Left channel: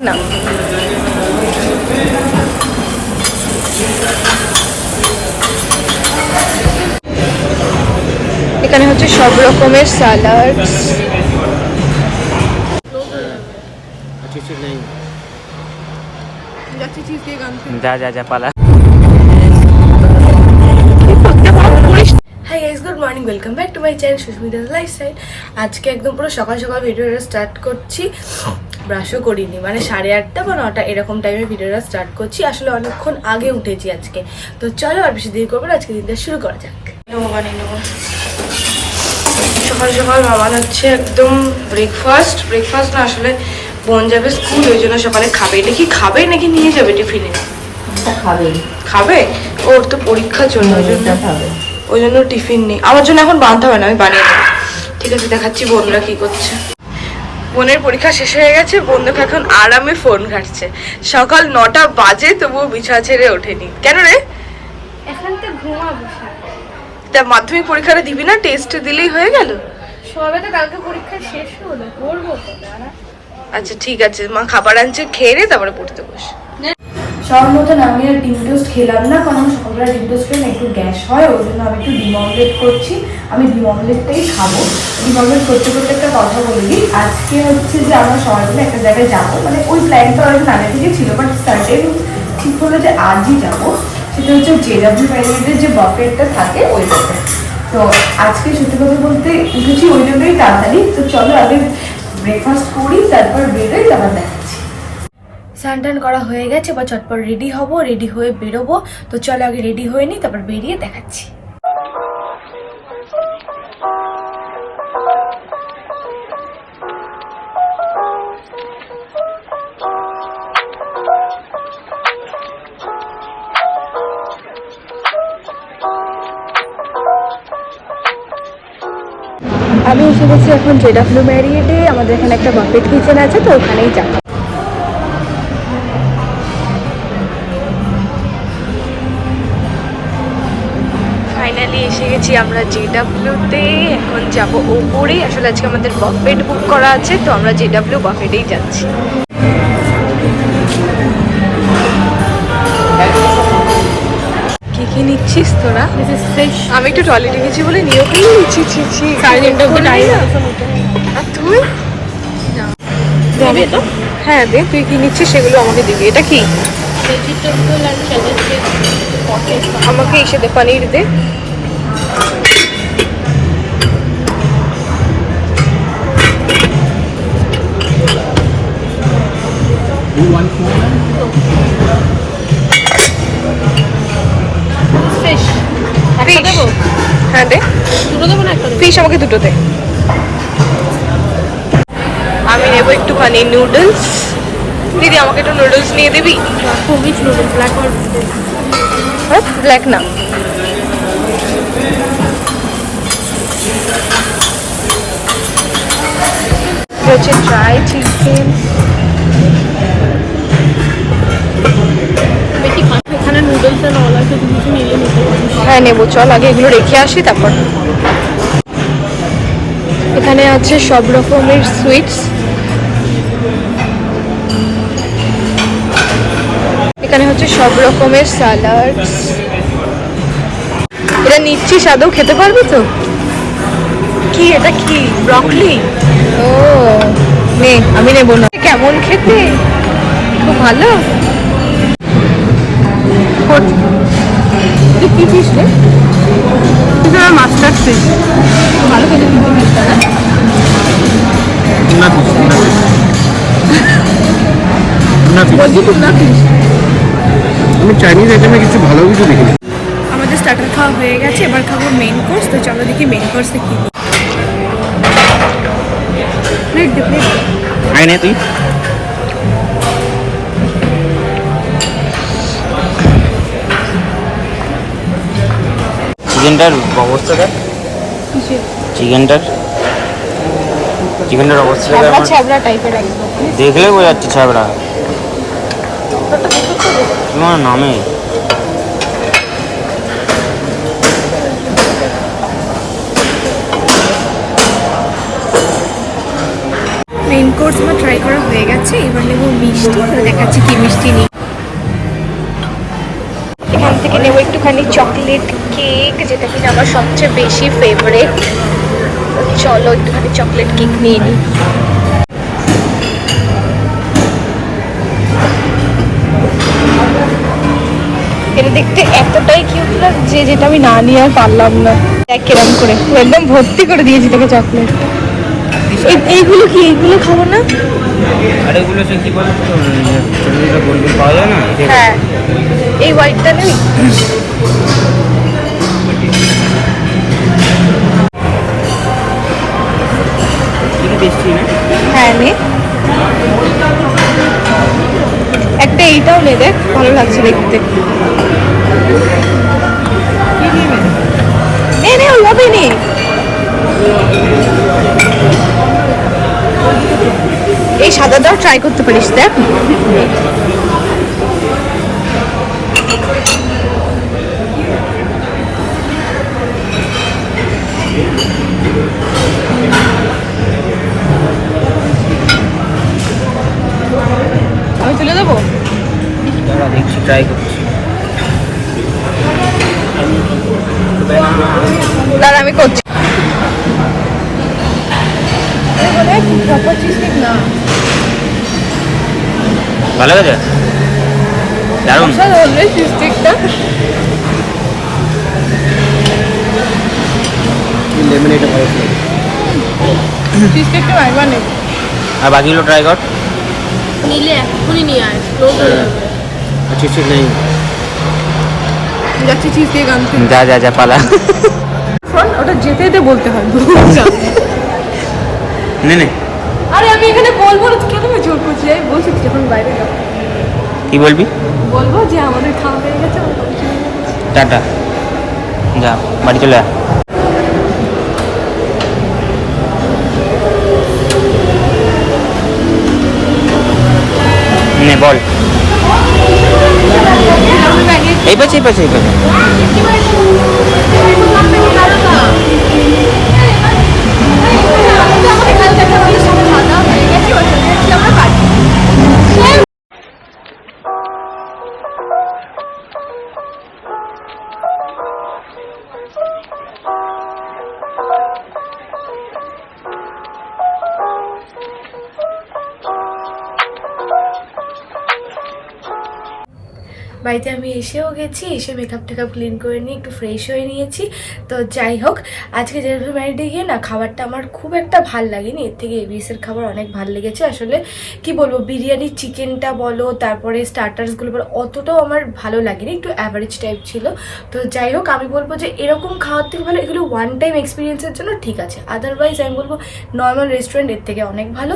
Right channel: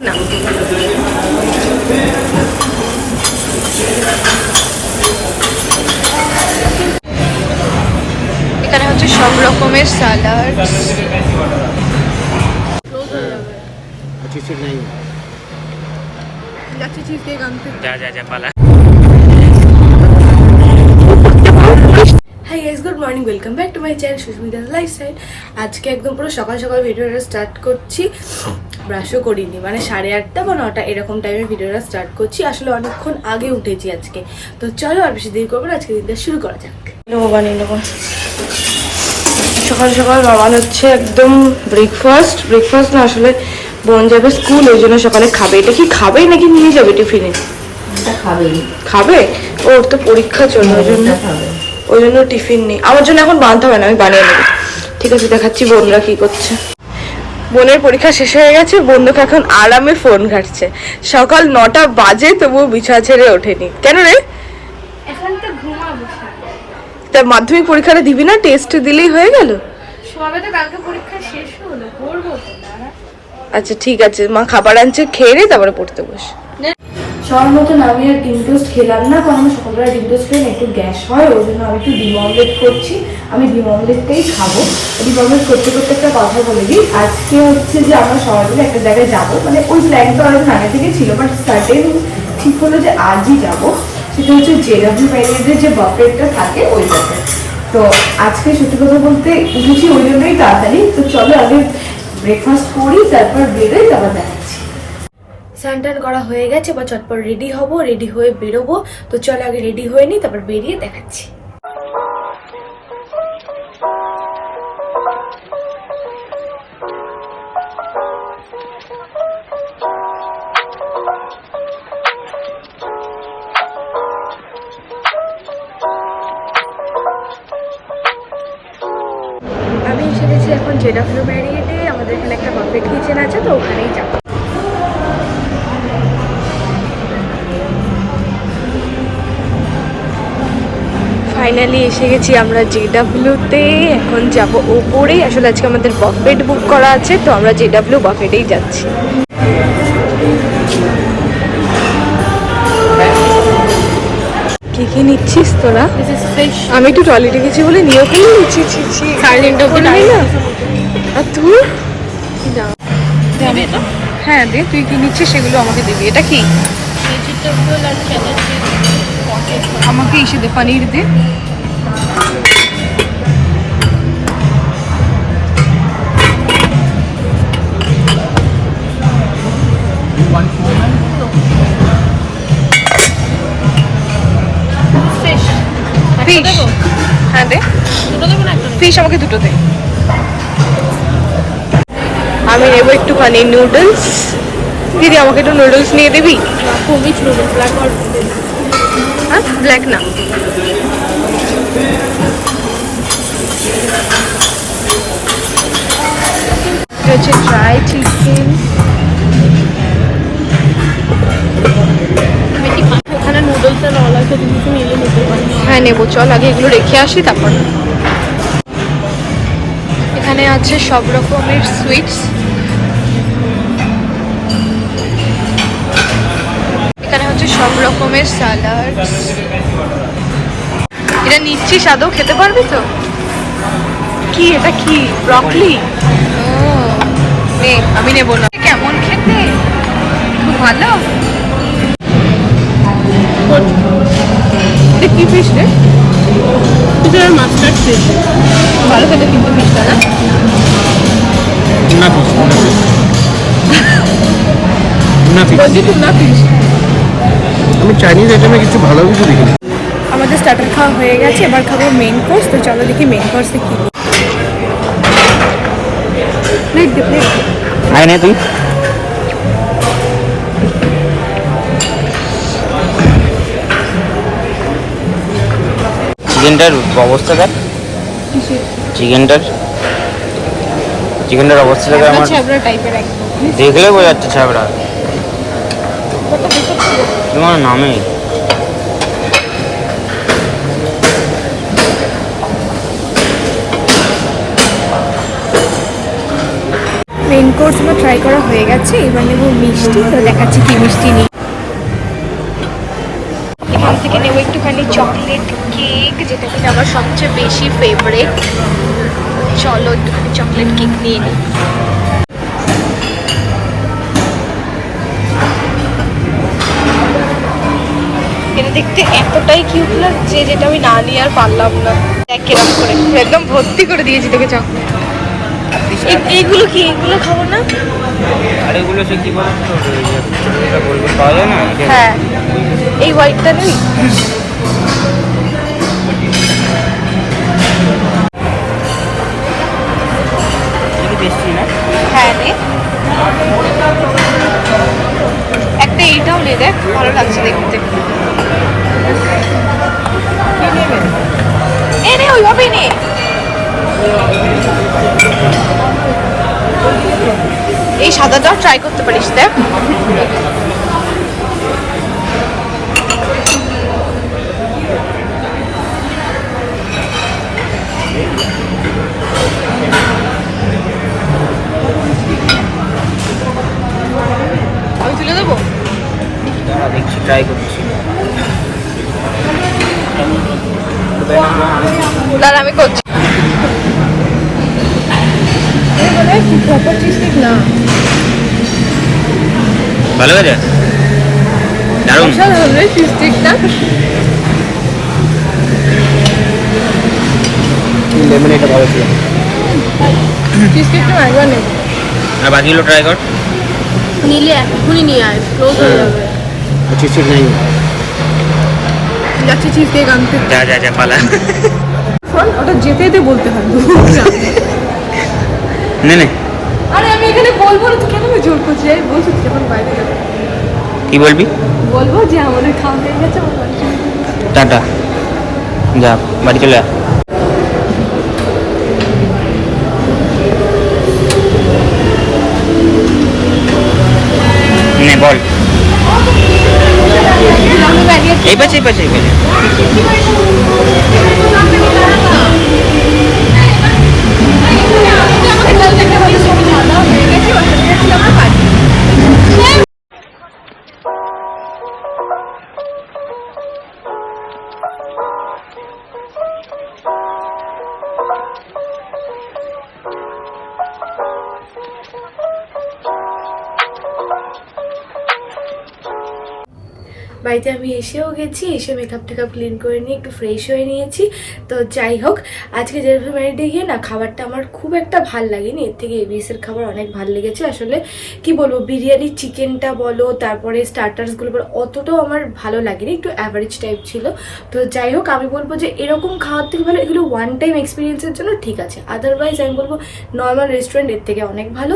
এখানে হচ্ছে সব রকমের স্যালাড। যা যা যা পালা। Hi guys, good morning, welcome back to my channel Susmita's lifestyle. আজকে একদম পুরো সকাল সকাল ভিডিওটা স্টার্ট করছি। ব্রাশও করিনি, মানে 8:30 বা 9টা এরকম টাইমে ভিডিওটা স্টার্ট করছি। আসলে অনেকক্ষণ আগে উঠেছি আজকে। তো চলো আর বেশি দেরি করবো না, আজকে দিনটা শুরু করা যাক। বানিয়ে নেবো সকাল সকাল। বাবান হচ্ছে একদম ব্রেকফাস্ট না, আসলে বোন যাবে স্কুল, ওই জন্য সকালে খাবে। এটা কি খাবে নাকি নিয়ে যাবে টিফিনে? খাবে। ওর তো পরীক্ষা চলবে, ওই জন্য টিফিন নেই। আমার জন্য এখন বাঁধতে হবে না, আমি বানিয়ে নেবো। ঠিক আছে, দেখাচ্ছি বোনরা কি করছে। বোনের পরীক্ষা শেষ হয়ে গেছে, বন্ধুকে এখন আরামে ফোন ঘাটছে। সকাল 9টা বাজে তবুও বিছানা ছেড়ে ওঠেনি। কেন রে? এখন তো ঘুমাবো। তা মাধ্যমিক পরীক্ষাটা দিবি না? টেস্ট দিলেই হয়ে গেল। সবে তো কালকে পরীক্ষা শেষ হলো, পড়বো তো দাঁড়া। আচ্ছা ঠিক আছে, মা খাবার আনছে, খেয়ে নে তারপরে পড়তে বস। সবার মতন আমি আর ডিম টোস্ট খেলাম না, কারণ আমার সকালবেলা ডিম টোস্ট খেলে একটু গ্যাস হয়, ওই জন্য আমি একটু ডিম অমলেট করছি। আমি ডিম অমলেটটাই খাবো। ডিম অমলেট করতে করতে একটা কথা বলে দিই। আজকে হচ্ছে যে আমরা সবাই মিলে একটা জায়গায় যাবো, মানে ওই প্ল্যানটা অনেক আগে থেকে ছিল, বাট সার্টেন ঠিক হলো যে আজই যাবো। সেটা হচ্ছে জেডব্লিউ ম্যারিয়েটের যে বাফেটটা থাকে ওই বাফেট। তো আজকে সত্যি কথা বলতে উঠেছি ওই জন্যই তাড়াতাড়ি। তো চলো আগে ব্রেকফাস্ট করি, তারপর বেরোই, তারপর দেখাচ্ছি। স্নান টান করা হয়ে গেছে, বা চটপট রেডি হব, রেডি হয়ে বেরোবো। তো চলো আগে রেডি হয়ে নিই, তারপর বেরিয়ে দেখাচ্ছি। আমি এসে গেছি এখন জেডব্লিউ ম্যারিয়েটে। আমাদের এখানে একটা বাফেট কিচেন আছে, তো ওখানেই যাবো। ফাইনালি এসে গেছি আমরা জেডব্লিউতে। এখন যাব ওপরে। আসলে আজকে আমাদের বাফেট বুক করা আছে, তো আমরা জেডব্লিউ বাফেটেই যাচ্ছি। কি নিচ্ছিস তোরা? আমি একটু টয়লেটে গেছি বলে নিয়ে ওখানে নিচ্ছি। আর তুই? হ্যাঁ দে, তুই কি নিচ্ছিস সেগুলো আমাকে দিবি। এটা কি? আমাকে এসে দে, পনির দে। হ্যাঁ দে, ফিশ আমাকে দুটো দে। আমি নেবো একটুখানি নুডলস। দিদি আমাকে একটু নুডলস নিয়ে দিবি? হ্যাঁ, ব্ল্যাক না। এটা হচ্ছে ড্রাই চিকেন। হ্যাঁ নেবো, চল আগে এগুলো রেখে আসি তারপর। এখানে আছে সব রকমের সুইটস। এখানে হচ্ছে সব রকমের স্যালাড। এটা নিচ্ছিস, আদৌ খেতে পারবি তো? কি এটা? কি ব্রকলি? ও নে, আমি নেবো না। কেমন খেতে? ভালো। কি ফিশ রে? Mustard fish. ভালো খেতে কিন্তু ফিশটা না? আমি চাইনিজ আইটেমে কিছু ভালো কিছু দেখি। আমাদের স্টার্টার খাওয়া হয়ে গেছে, এবার খাবো মেইন কোর্স। তো চলো দেখি মেইন কোর্সে কি। প্লেট দে, প্লেট। চিকেনটার অবস্থা দেখ। চিকেনটার অবস্থা দেখে আমার দেখলে বোঝা যাচ্ছে ছাবড়া। তোমার নামে মেইন কোর্স আমার ট্রাই করা হয়ে গেছে, এবার নেবো মিষ্টি। তো দেখাচ্ছি কি মিষ্টি নিই। এখান থেকে নেবো একটুখানি চকলেট কেক, যেটা কিনা আমার সবচেয়ে বেশি ফেভারিট। চলো একটুখানি চকলেট কেক নিয়ে নিই। এটা দেখতে এতটাই কিউট লাগছে যেটা আমি না নিয়ে আর পারলাম না। দেখ কিরম করে একদম ভর্তি করে দিয়েছি তোকে চকলেট। এইগুলো কি, এইগুলো খাবো না? আর এগুলো সে কি বলতো, গোল্ডেন পাওয়া যায় না? হ্যাঁ, এই হোয়াইটটা নেই? টেস্টি না? হ্যাঁ নে, একটা এইটাও নে, দেখ ভালো লাগছে দেখতে। নে নে, ওইভাবে নে। এই সাদাটাও ট্রাই করতে পারিস, দেখ। আমি তুলে দেবো? দেখছি, ট্রাই করছি। দাদা আমি করছি। না, ভালো গেছে, দারুণ। লেমন এটা ভালো ছিল। চিজকেকটা একবার নেব। আর বাকিগুলো ট্রাই কর। নিলে এখনই নিয়ে আয়। চিজ নিয়ে যাচ্ছি চিজকেক আনতে। যা যা যা, পালা। ওটা যেতে যেতে বলতে হয়। নে নে, আরে আমি এখানে বলবো না, কেন আমি জোর করছি? আমি বলছি যখন বাইরে যাবো। কি বলবি? বলবো যে আমাদের খাওয়া হয়ে গেছে, আমার বাড়ি চলে যাবো। টাটা, যা বাড়ি চলে যা। নে বল। এই পাশে এই পাশে এই পাশে। এখান থেকে আমাদের সব খাওয়া দাওয়া হয়ে গেছে, ওখান থেকে আমরা বাড়ি। বাড়িতে আমি এসেও গেছি, এসে মেকআপ টেকআপ ক্লিন করে নিয়ে একটু ফ্রেশ হয়ে নিয়েছি। তো যাই হোক, আজকে জেরুল ম্যারিডে গিয়ে না খাবারটা আমার খুব একটা ভাল লাগেনি, এর থেকে এবিএসের খাবার অনেক ভাল লেগেছে। আসলে কি বলবো, বিরিয়ানি চিকেনটা বলো, তারপরে স্টার্টার্সগুলো বলো, অতটাও আমার ভালো লাগেনি, একটু অ্যাভারেজ টাইপ ছিল। তো যাই হোক, আমি বলবো যে এরকম খাওয়ার থেকে ভালো এগুলো ওয়ান টাইম এক্সপিরিয়েন্সের জন্য ঠিক আছে, আদারওয়াইজ আমি বলবো নর্মাল রেস্টুরেন্ট এর থেকে অনেক ভালো।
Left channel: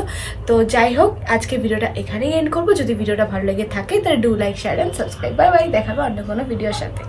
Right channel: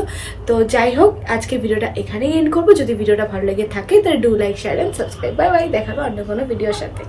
তো যাই হোক, আজকে ভিডিওটা এখানেই এন্ড করবো। যদি ভিডিওটা ভালো লেগে থাকে তাহলে do like, share and subscribe. Bye bye, দেখাবো অন্য কোনো ভিডিওর সাথে।